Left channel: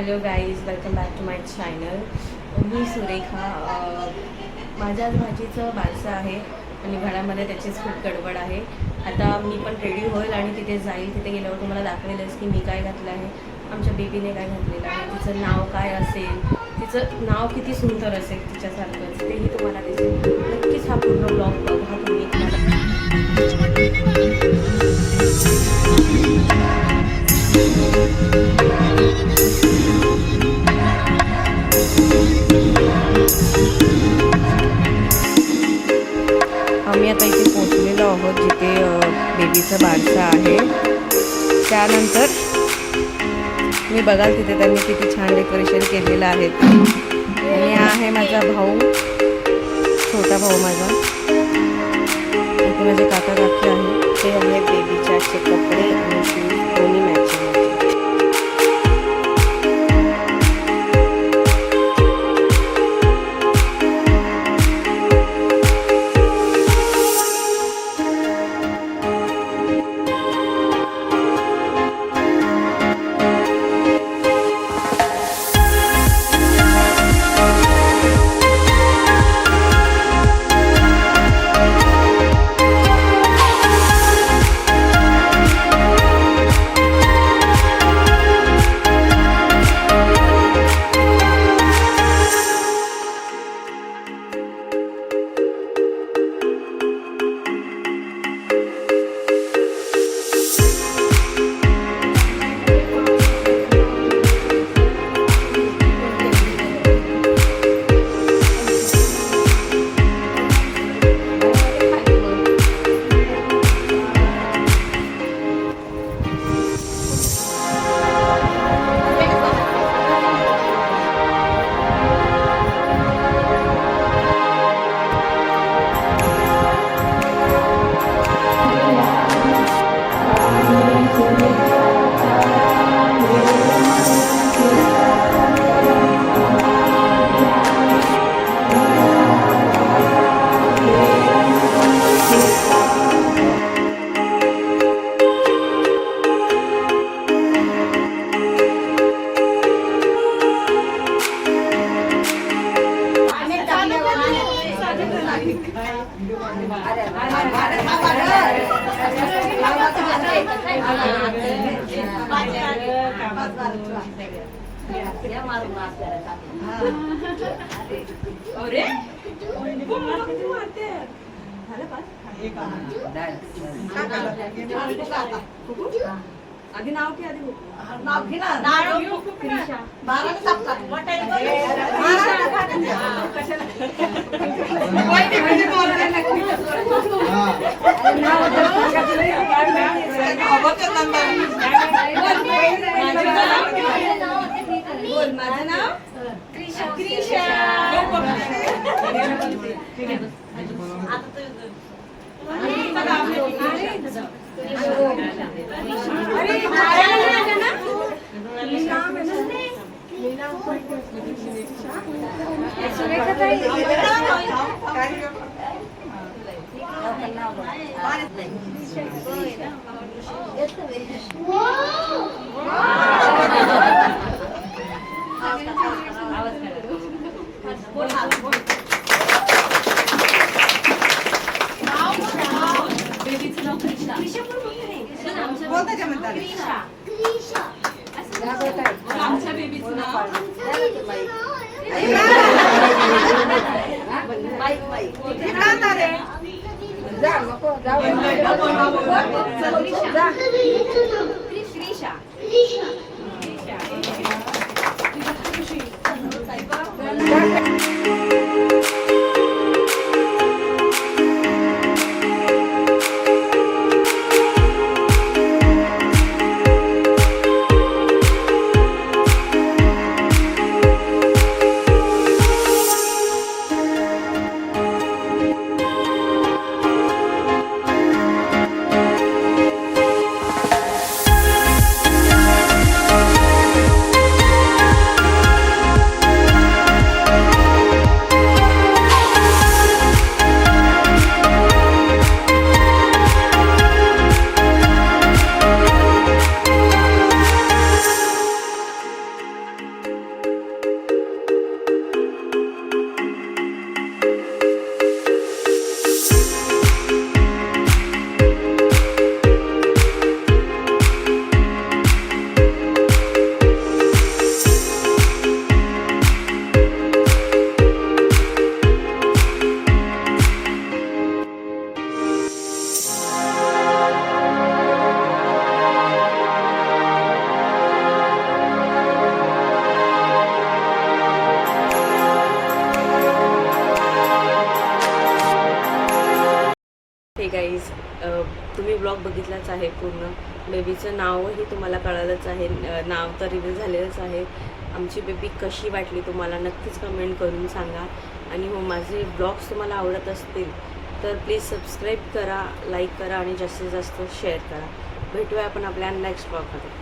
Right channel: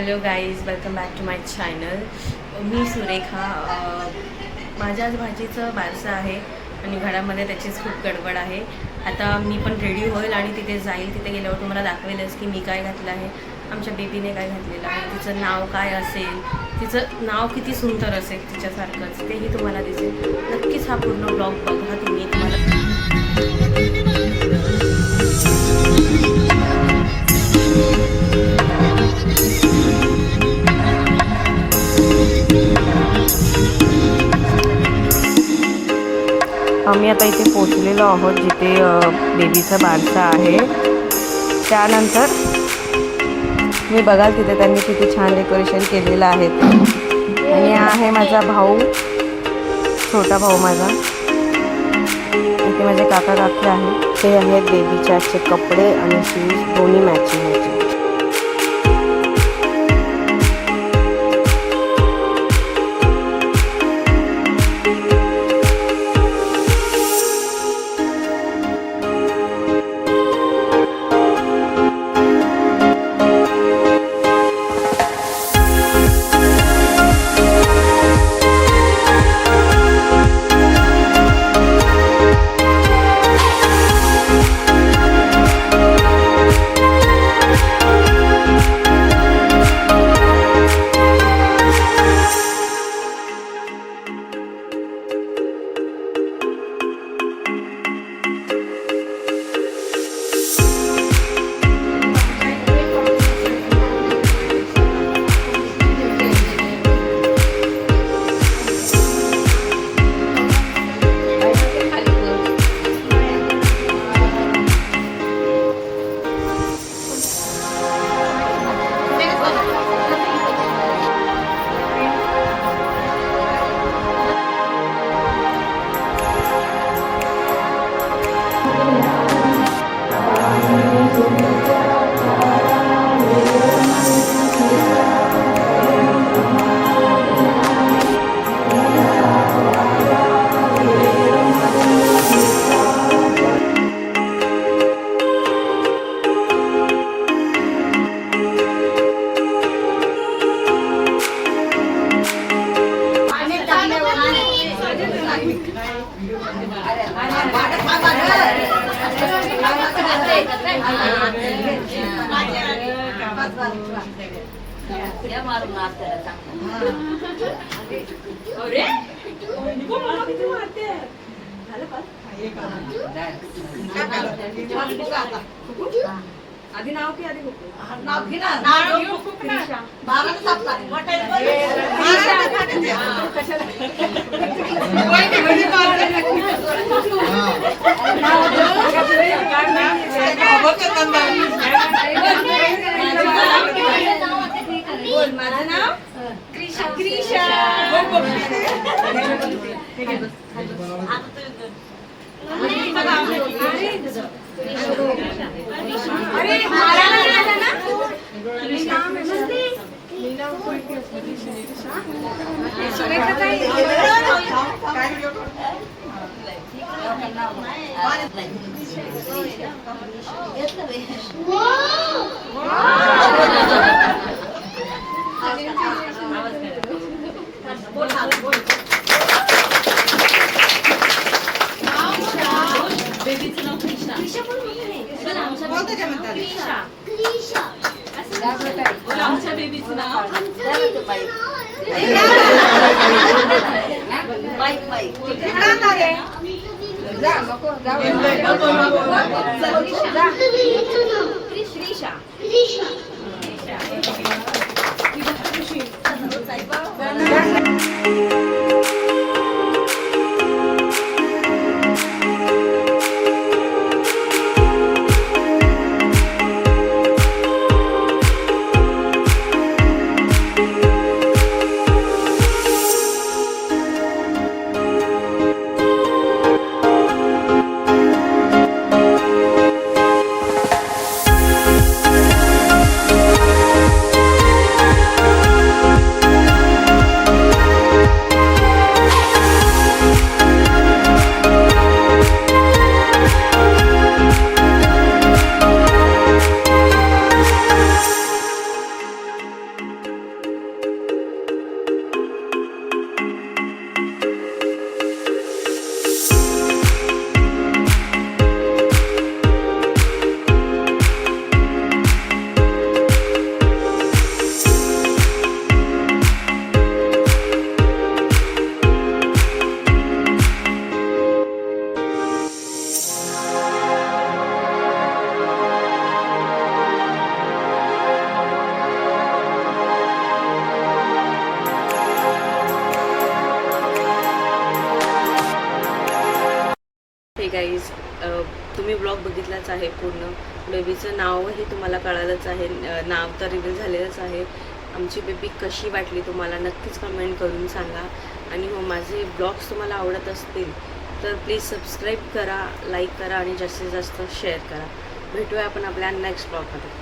Hello guys, welcome back to my channel. मी सुरेखा. माझ्या आज भाजीचं बारसं आहे आणि घरामध्ये त्याचीच खूप गडबड आहे. आता मी पण रेडी होईल आणि तिथे जाईल. तिथे गेल्यावर तुम्हाला दाखवेलच की मी काय घातलं आहे, आमच्या बेबीने काय घातलेलं आहे, तिचं नाव काय असेल, तिचं नाव किती सुंदर असेल तिच्यासारखंच, तेही तुम्हाला दिसेल. नक्कीच हा पूर्ण ब्लॉग बघा तुम्ही. आम्ही आता इथे पोचलेलो आहोत जिथे बेबीचा बारसा आहे. त्यानंतर मी बघाल तिथे त्यांनी किती छान डेकोरेशन केलेलं आहे ते. आणि हा आहे माझा भाऊ, छोटा भाऊ माझा. इथे माझे काका काकी आहे. ते आहेत बेबीचे असे कपडे आणि शूज दोन्ही मॅचिंग होते. आधी नाव की आधी नाव घे ना. माझं नाव क्रिशा. अरे आमच्या बेबीचं नाव गाईज, तुम्ही ब्लॉग बघितलाच आहे पूर्ण. बेबीचं नावही तुम्हाला कळालंच आहे, नाव तर रिव्हील झालेलंच आहे. आमची बेबी कशी वाटली तुम्हाला नक्कीच कमेंट करून सांगा. आणि हो, माझे ब्लॉग्स तुम्हाला आवडत असतील तर प्लीज सबस्क्राईब करा, लाईक करा आणि जास्तीत जास्त शेअर करा. भेटूया आपण आपल्या नेक्स्ट ब्लॉगमध्ये.